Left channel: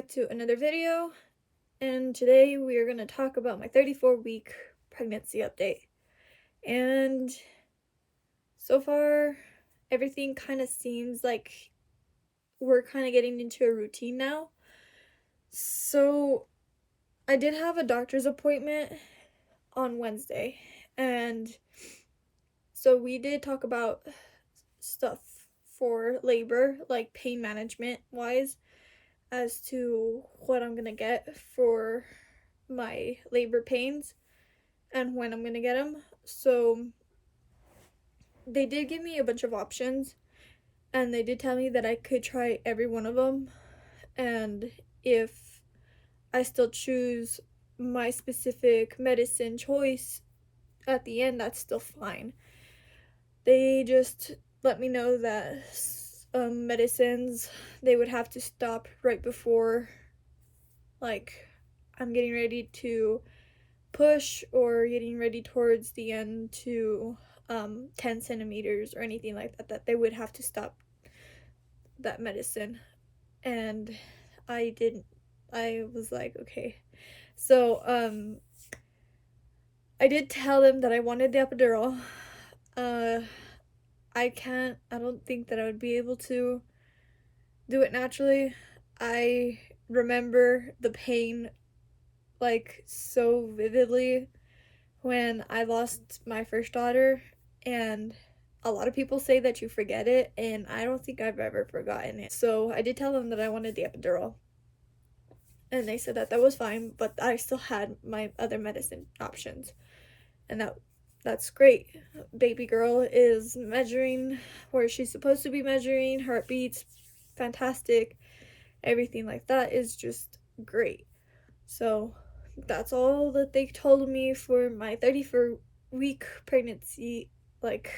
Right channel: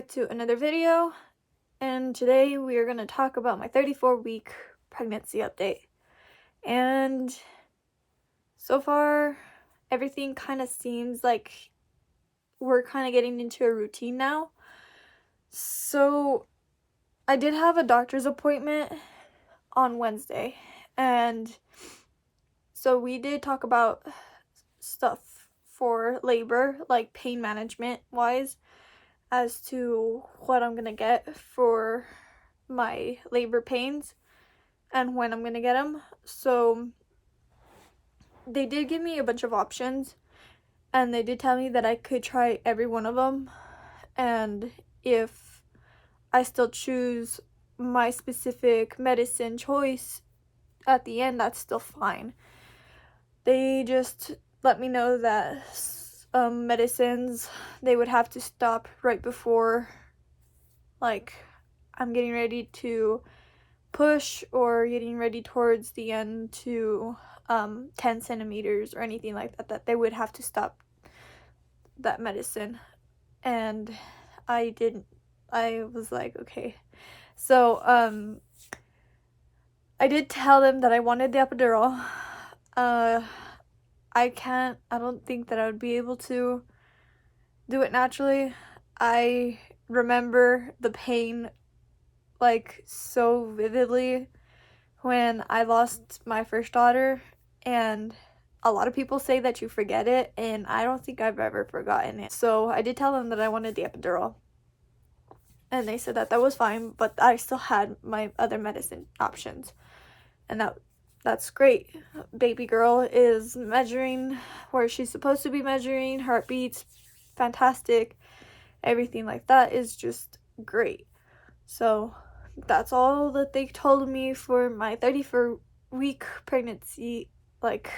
back to another video, and today we are going to talk about my 34-week pregnancy update. And so far, everything kind of seems like we're kind of getting into a routine now. So I did have a doctor's appointment on Wednesday, and so we did talk about stuff for labor, like pain management wise, as to what I'm gonna get for my labor pains and when I'm gonna get them. So they did give me a bunch of options, and they did tell me that I could try every one of them, and if I still choose my specific medicine choice at the end, that's still fine. They just let me know that medicines, they would have to stop right before, like, I'm getting ready to push or getting ready towards the end to 10 centimeters or anything like that, that they would have to stop that medicine. And I was like, okay. So I did tell them that I wanted the epidural. I don't think that I would be able to do it naturally. I remember the pain like so vividly when I lost my first daughter, and a lot of people say that you forget it, and I don't think I've ever forgotten it. So I did tell them that I wanted the epidural, and they said that that was fine, but I still had my other medicine options, and that's great. Baby girl is measuring where she's supposed to be measuring, heartbeats fantastic, everything like that is just great. So that's all that they told me for my 34-week pregnancy like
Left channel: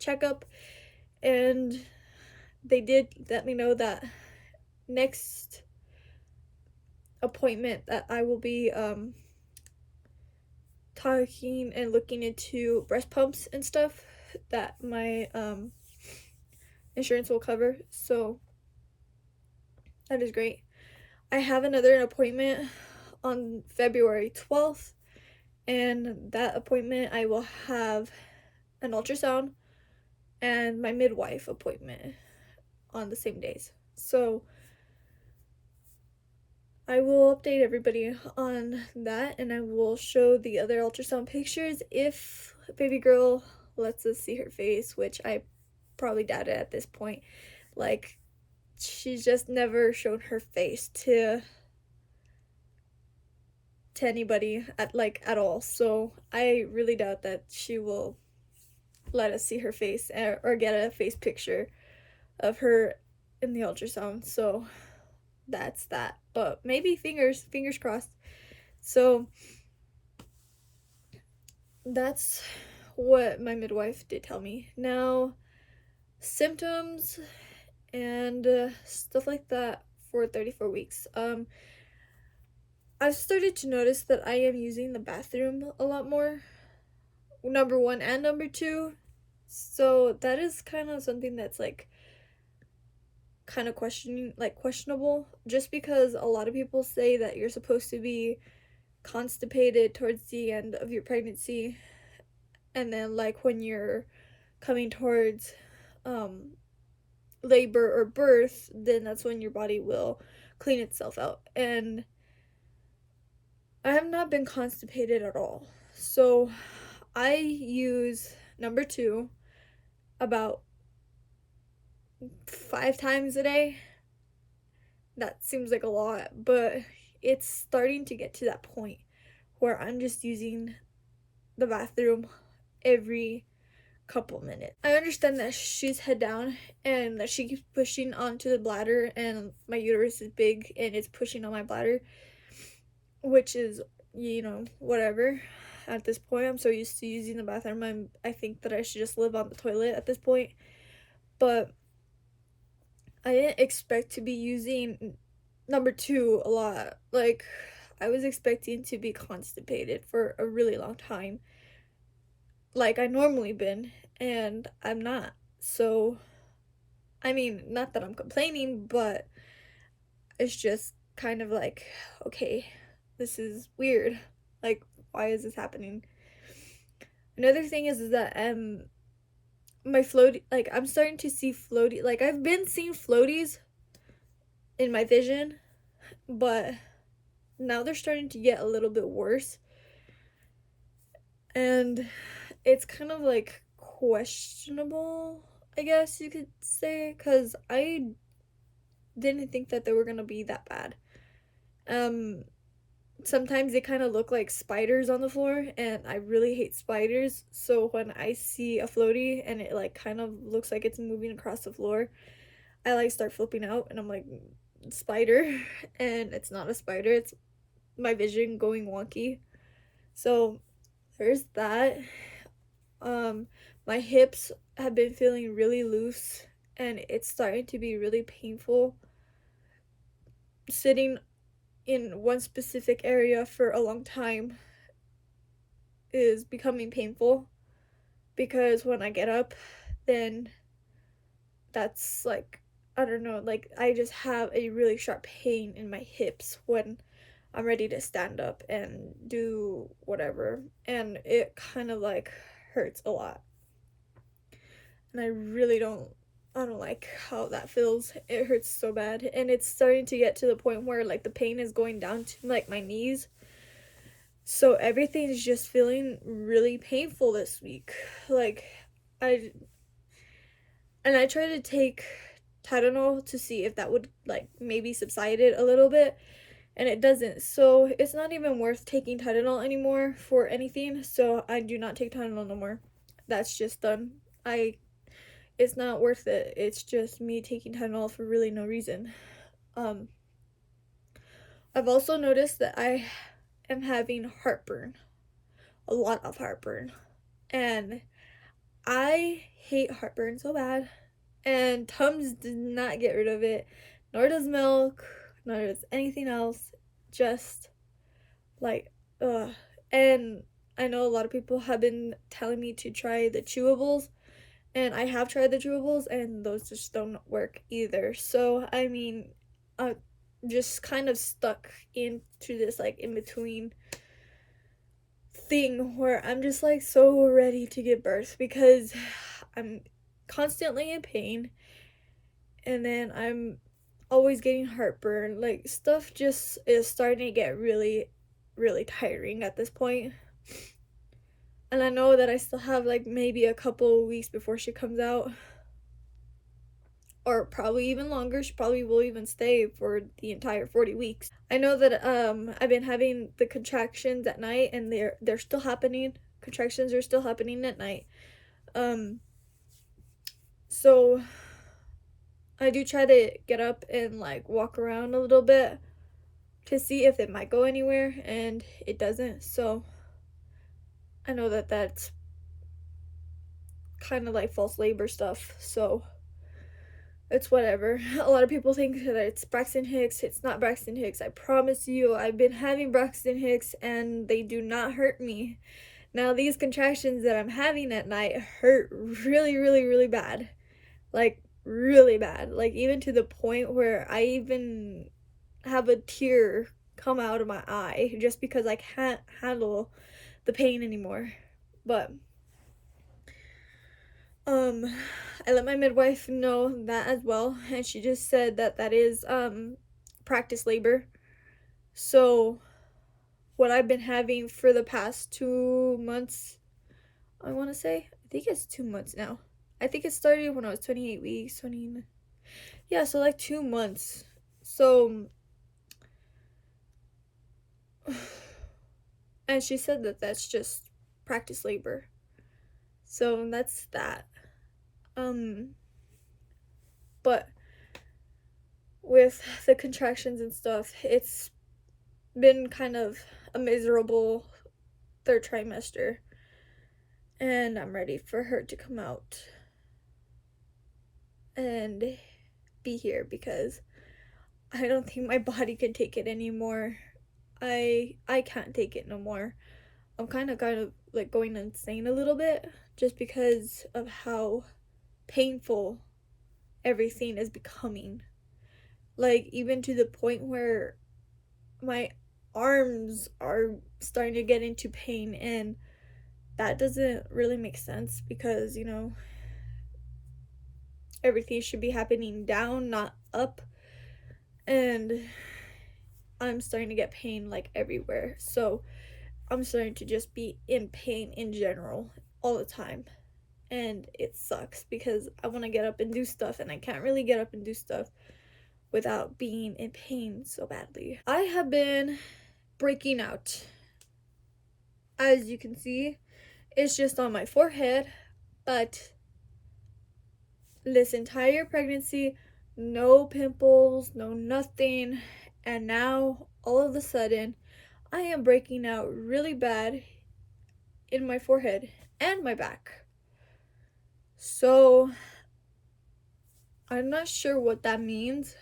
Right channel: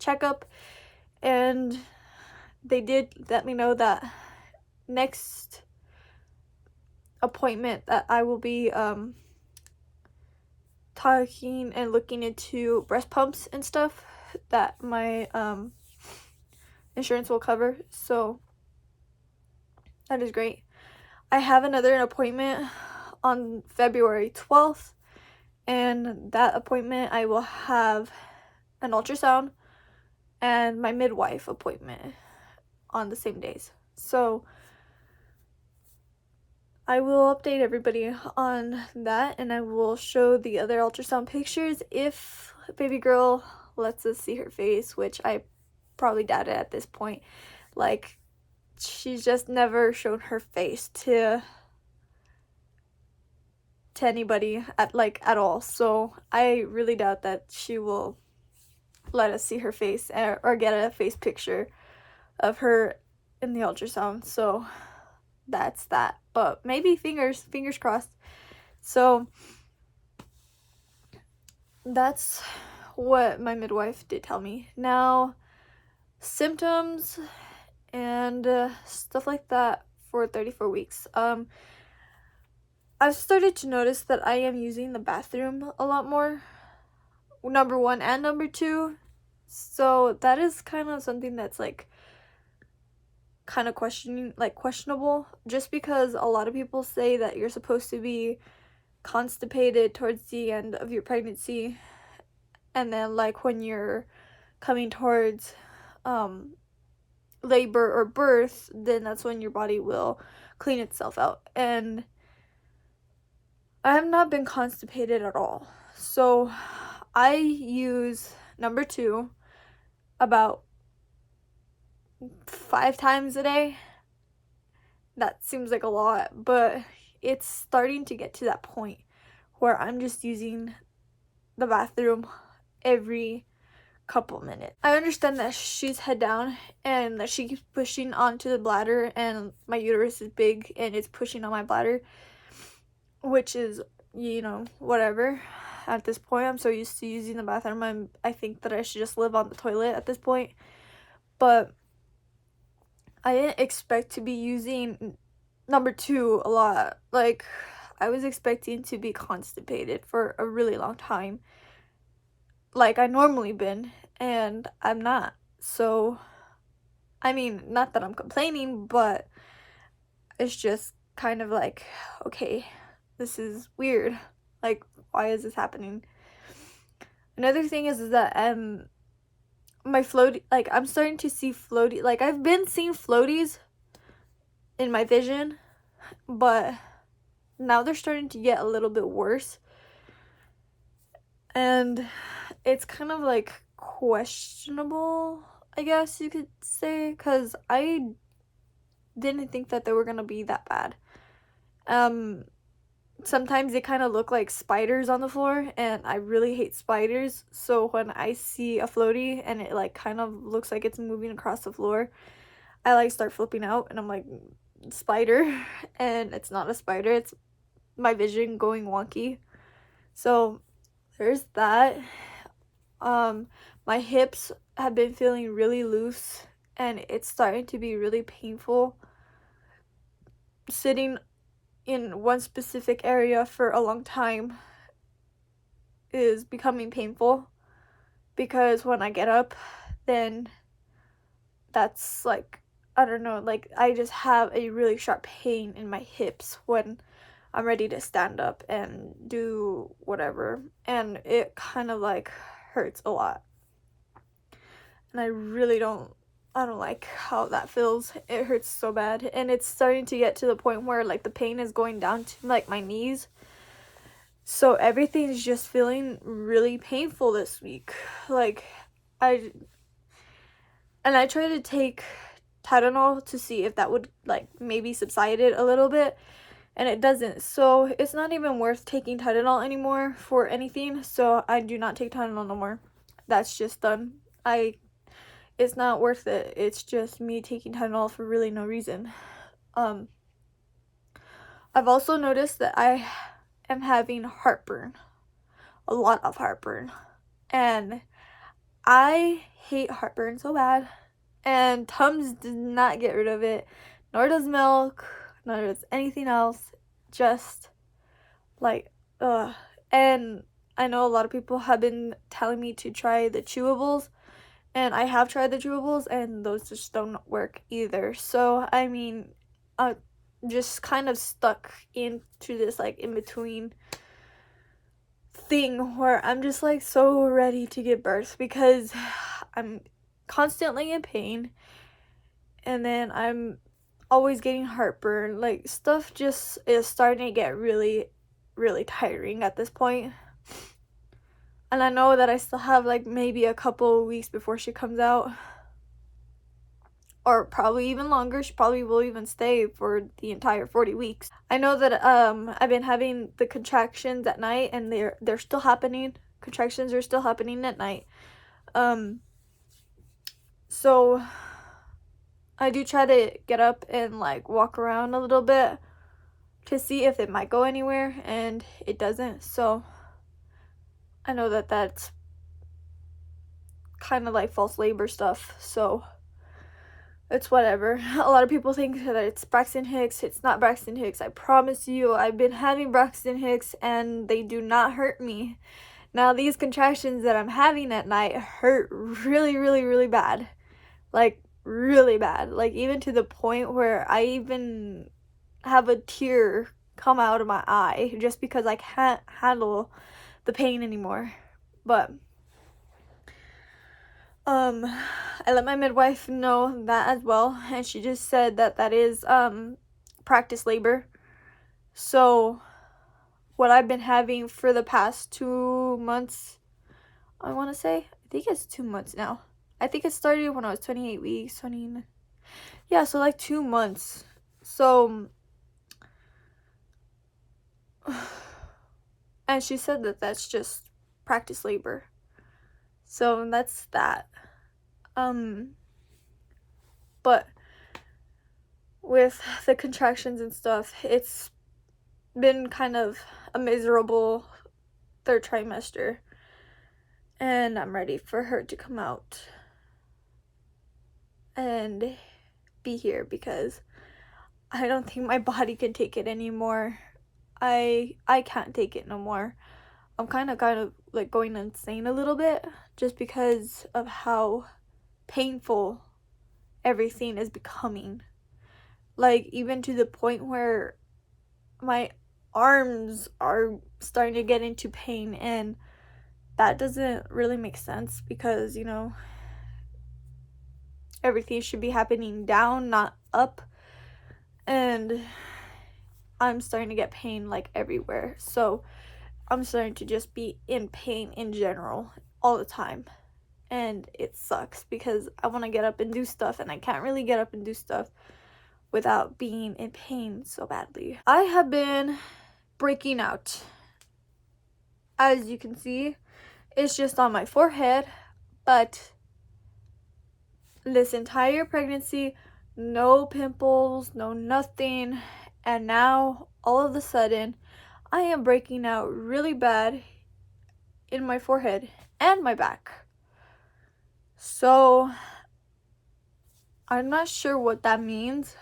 checkup. And they did let me know that next appointment that I will be talking and looking into breast pumps and stuff that my insurance will cover. So that is great. I have another appointment on February 12th, and that appointment I will have an ultrasound and my midwife appointment on the same days. So I will update everybody on that, and I will show the other ultrasound pictures if baby girl lets us see her face, which I probably doubt it at this point. Like, she's just never shown her face to anybody at all, so I really doubt that she will let us see her face or get a face picture of her in the ultrasound. So that's that, but maybe fingers crossed. So that's what my midwife did tell me. Now, symptoms and stuff like that for 34 weeks. I've started to notice that I am using the bathroom a lot more, number one and number two. So that is kind of something that's like kind of questionable, just because a lot of people say that you're supposed to be constipated towards the end of your pregnancy, and then like when you're coming towards labor or birth, then that's when your body will clean itself out. And I have not been constipated at all. So I use number two about 5 times a day. That seems like a lot, but it's starting to get to that point where I'm just using the bathroom every couple minutes. I understand that she's head down and that she keeps pushing onto the bladder, and my uterus is big and it's pushing on my bladder, which is, whatever. At this point, I'm so used to using the bathroom, I think that I should just live on the toilet at this point. But I didn't expect to be using number two a lot. Like, I was expecting to be constipated for a really long time, like I normally been, and I'm not. So, I mean, not that I'm complaining, but it's just kind of like, okay, this is weird. Like, why is this happening? Another thing is that my floaty, like, I'm starting to see floaty, like, I've been seeing floaties in my vision, but now they're starting to get a little bit worse, and it's kind of like questionable, I guess you could say, because I didn't think that they were gonna be that bad. Sometimes they kind of look like spiders on the floor, and I really hate spiders, so when I see a floaty and it like kind of looks like it's moving across the floor, I like start flipping out, and I'm like, spider. And it's not a spider, it's my vision going wonky. So there's that. My hips have been feeling really loose, and it's starting to be really painful. Sitting in one specific area for a long time is becoming painful, because when I get up, then that's like, I don't know, like I just have a really sharp pain in my hips when I'm ready to stand up and do whatever, and it kind of like hurts a lot, and I don't like how that feels. It hurts so bad, and it's starting to get to the point where like the pain is going down to like my knees. So everything's just feeling really painful this week. Like, I tried to take Tylenol to see if that would like maybe subside it a little bit, and it doesn't. So it's not even worth taking Tylenol anymore for anything. So I do not take Tylenol no more. That's just done. It's not worth it. It's just me taking Tylenol for really no reason. I've also noticed that I am having heartburn. A lot of heartburn. And I hate heartburn so bad. And Tums did not get rid of it. Nor does milk. Nor does anything else. Just like, ugh. And I know a lot of people have been telling me to try the chewables. And I have tried the chewables, and those just don't work either. So, I mean, just kind of stuck into this, like, in-between thing where I'm just, like, so ready to give birth, because I'm constantly in pain, and then I'm always getting heartburn. Like, stuff just is starting to get really, really tiring at this point. And I know that I still have like maybe a couple weeks before she comes out, or probably even longer. She probably will even stay for the entire 40 weeks. I know that I've been having the contractions at night, and they're still happening. Contractions are still happening at night. So I do try to get up and like walk around a little bit to see if it might go anywhere, and it doesn't. So I know that that's kind of like false labor stuff, so it's whatever. A lot of people think that it's Braxton Hicks. It's not Braxton Hicks. I promise you, I've been having Braxton Hicks, and they do not hurt me. Now, these contractions that I'm having at night hurt really, really, really bad. Like, really bad. Like, even to the point where I even have a tear come out of my eye just because I can't handle the pain anymore. But I let my midwife know that as well, and she just said that that is practice labor. So what I've been having for the past 2 months, I want to say, I think it's 2 months now. I think it started when I was 28 weeks, yeah, so like 2 months. So and she said that that's just practice labor. So that's that. But with the contractions and stuff, it's been kind of a miserable 3rd trimester, and I'm ready for her to come out and be here, because I don't think my body can take it anymore. I can't take it no more. I'm kind of like going insane a little bit, just because of how painful everything is becoming. Like, even to the point where my arms are starting to get into pain, and that doesn't really make sense because, you know, everything should be happening down, not up. And I'm starting to get pain like everywhere. So I'm starting to just be in pain in general all the time. And it sucks because I want to get up and do stuff, and I can't really get up and do stuff without being in pain so badly. I have been breaking out. As you can see, it's just on my forehead, but this entire pregnancy, no pimples, no nothing, and now all of a sudden I am breaking out really bad in my forehead and my back. So I'm not sure what that means.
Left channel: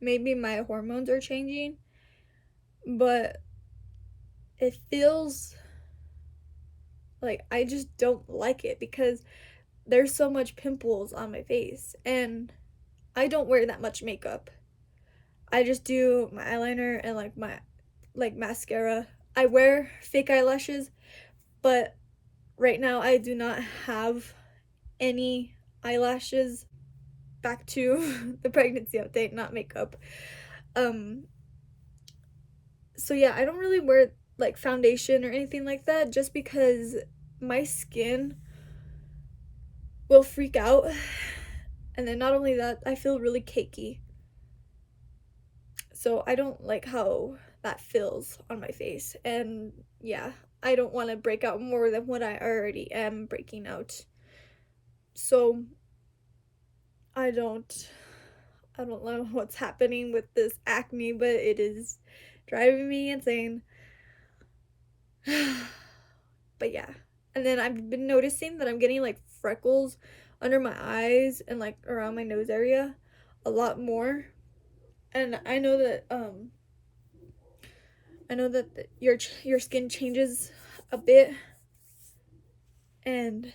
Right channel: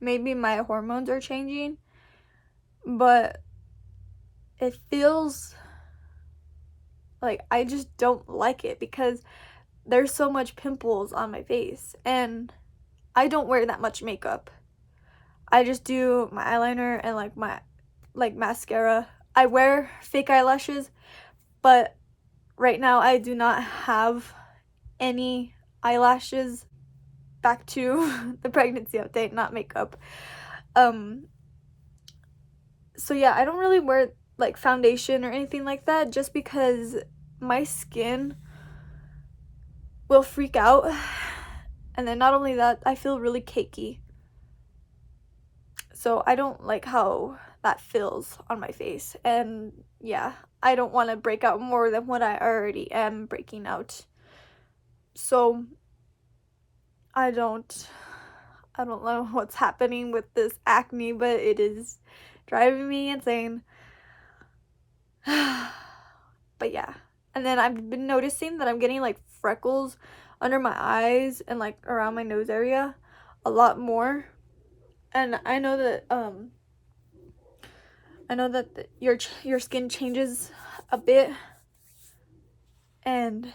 Maybe my hormones are changing, but it feels like I just don't like it because there's so much pimples on my face, and I don't wear that much makeup. I just do my eyeliner and like my mascara. I wear fake eyelashes, but right now I do not have any eyelashes. Back to the pregnancy update, not makeup. So yeah, I don't really wear like foundation or anything like that just because my skin will freak out. And then not only that, I feel really cakey. So I don't like how that feels on my face. And yeah, I don't want to break out more than what I already am breaking out. So I don't know what's happening with this acne, but it is driving me insane. But yeah. And then I've been noticing that I'm getting like freckles under my eyes and like around my nose area a lot more. And I know that your skin changes a bit and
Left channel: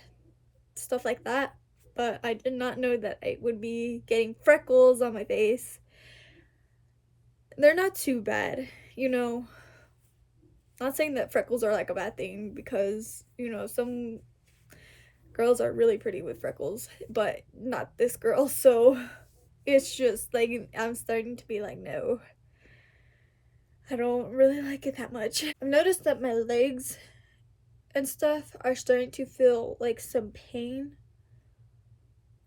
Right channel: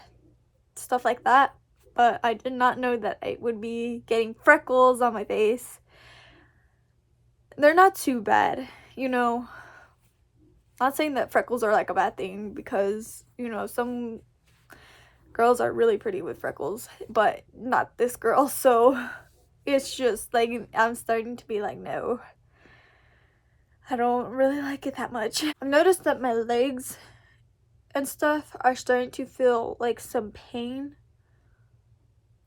stuff like that, but I did not know that I would be getting freckles on my face. They're not too bad, you know. Not saying that freckles are like a bad thing because, you know, some girls are really pretty with freckles, but not this girl. So it's just like I'm starting to be like, no, I don't really like it that much. I've noticed that my legs and stuff are starting to feel like some pain,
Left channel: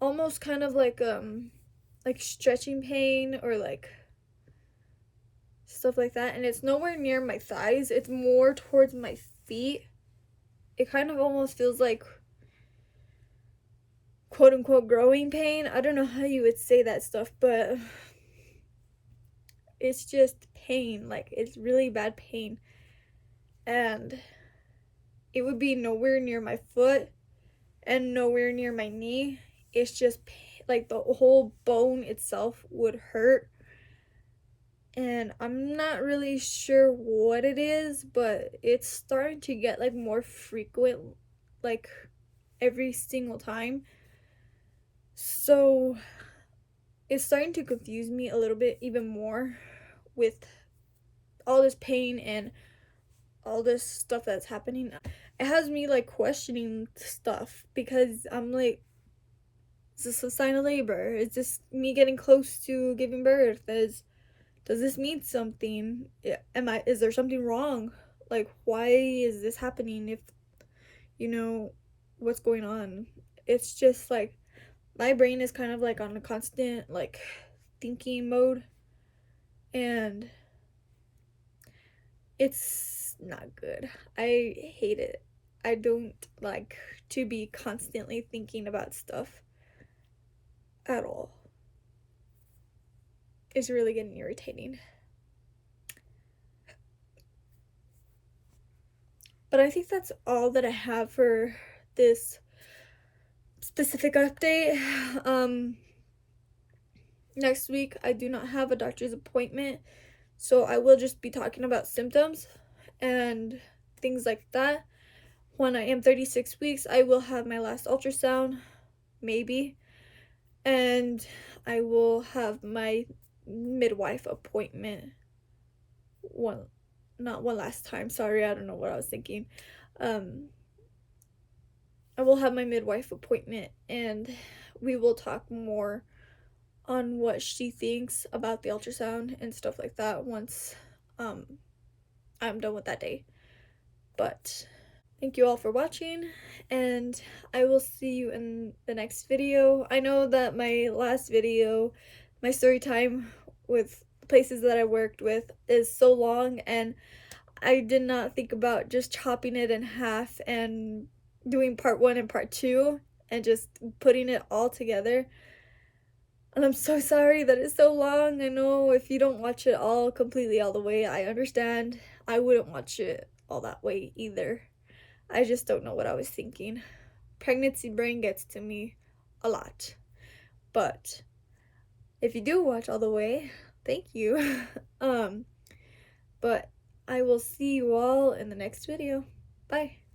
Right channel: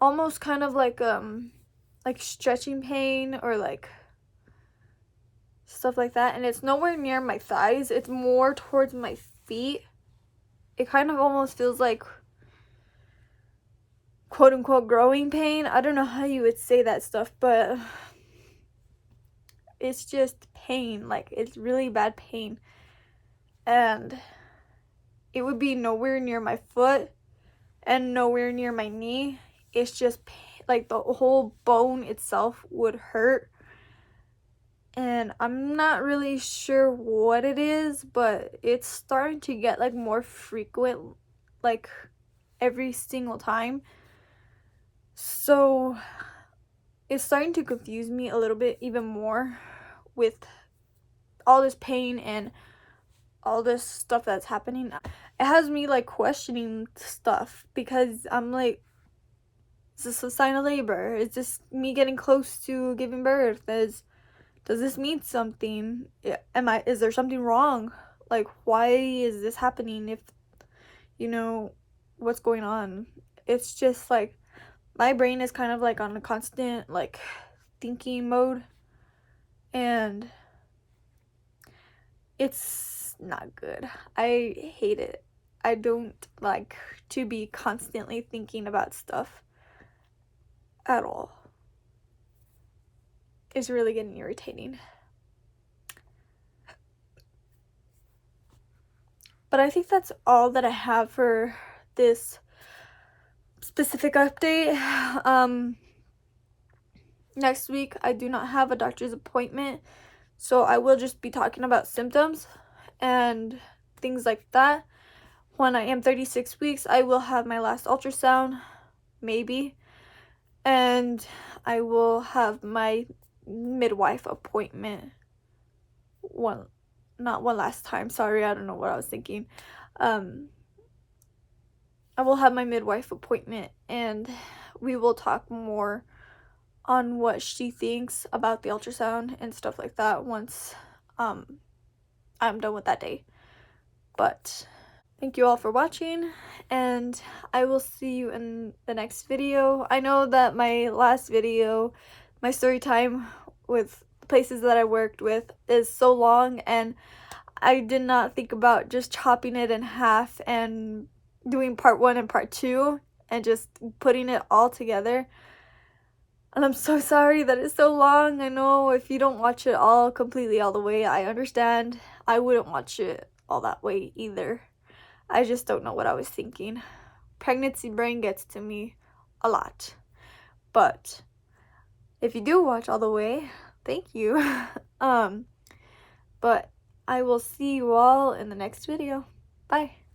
almost kind of like stretching pain or like stuff like that, and it's nowhere near my thighs, it's more towards my feet. It kind of almost feels like quote unquote growing pain. I don't know how you would say that stuff, but it's just pain. Like, it's really bad pain, and it would be nowhere near my foot and nowhere near my knee. It's just like the whole bone itself would hurt, and I'm not really sure what it is, but it's starting to get like more frequent, like every single time. So it's starting to confuse me a little bit even more with all this pain and all this stuff that's happening. It has me like questioning stuff because I'm like, is this a sign of labor? Is this me getting close to giving birth? Does this mean something? Is there something wrong? Like, why is this happening? If, you know, what's going on? It's just like my brain is kind of like on a constant like thinking mode, and it's not good. I hate it. I don't like to be constantly thinking about stuff at all. It's really getting irritating. But I think that's all that I have for this specific update. Next week I do not have a doctor's appointment, so I will just be talking about symptoms and things like that. When I am 36 weeks, I will have my last ultrasound, maybe, and I will have my midwife appointment not one last time, sorry, I don't know what I was thinking. I will have my midwife appointment, and we will talk more on what she thinks about the ultrasound and stuff like that once I'm done with that day. But thank you all for watching, and I will see you in the next video. I know that my last video, my story time with places that I worked with, is so long, and I did not think about just chopping it in half and doing part 1 and part 2 and just putting it all together. And I'm so sorry that it's so long. I know if you don't watch it all completely all the way, I understand. I wouldn't watch it all that way either. I just don't know what I was thinking. Pregnancy brain gets to me a lot. But if you do watch all the way, thank you. But I will see you all in the next video. Bye.